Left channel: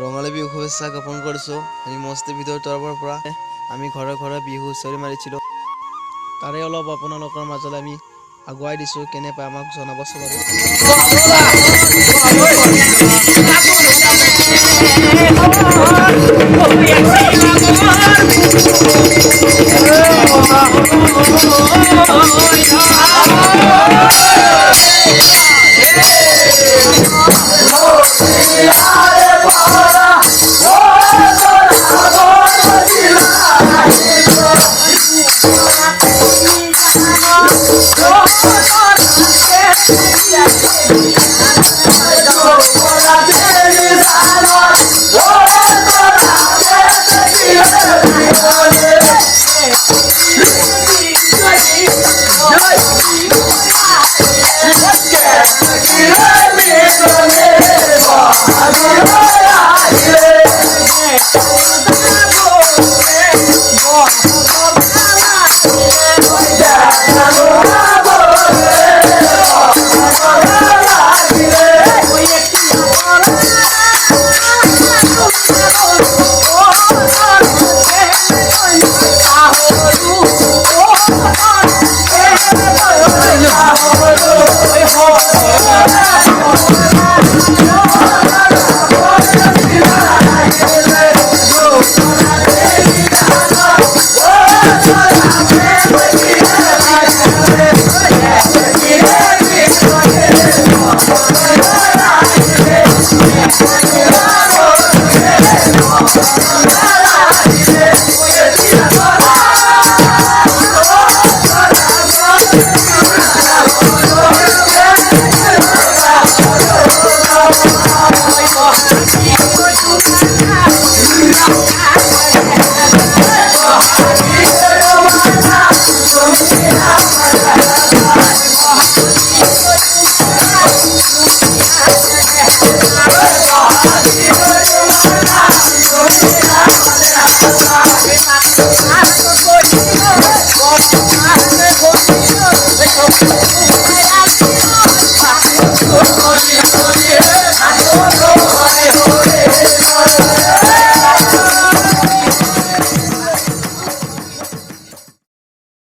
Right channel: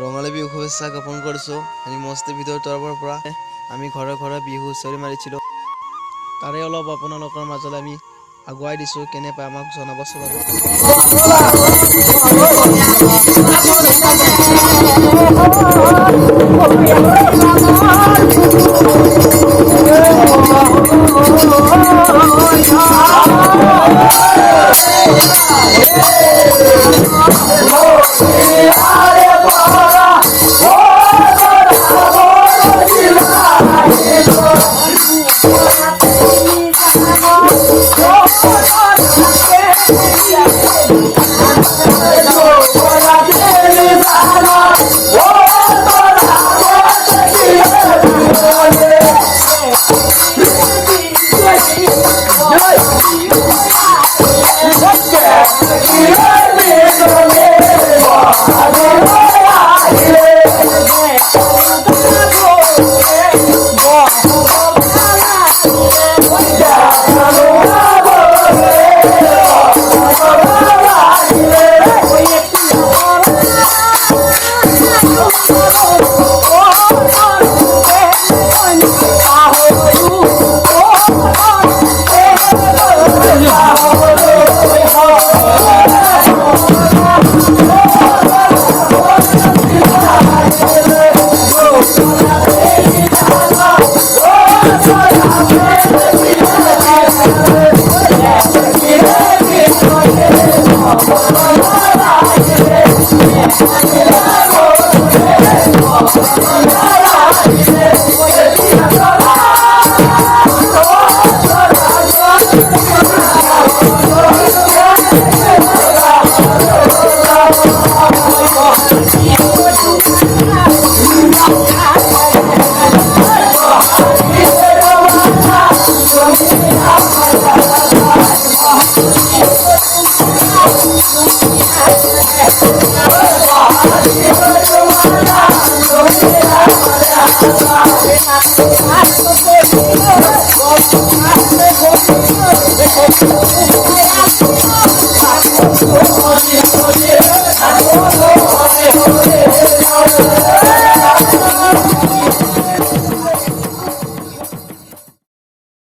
ৰঙালী বিহু শুভেচ্ছা জ্ঞাপন কৰিছোঁ। আমি মস্তি ভিডিঅ'ৰ তৰফৰ পৰা আমি ঘৰে ঘৰে বিহু হুঁচৰি মাৰিছিলোঁ। তাৰে অলপ আপোনালোকৰ মাজলৈ আমি আগুৱাই দিছোঁ, কেনে পায় আমাক জনাবচোন বাৰু। Yeah.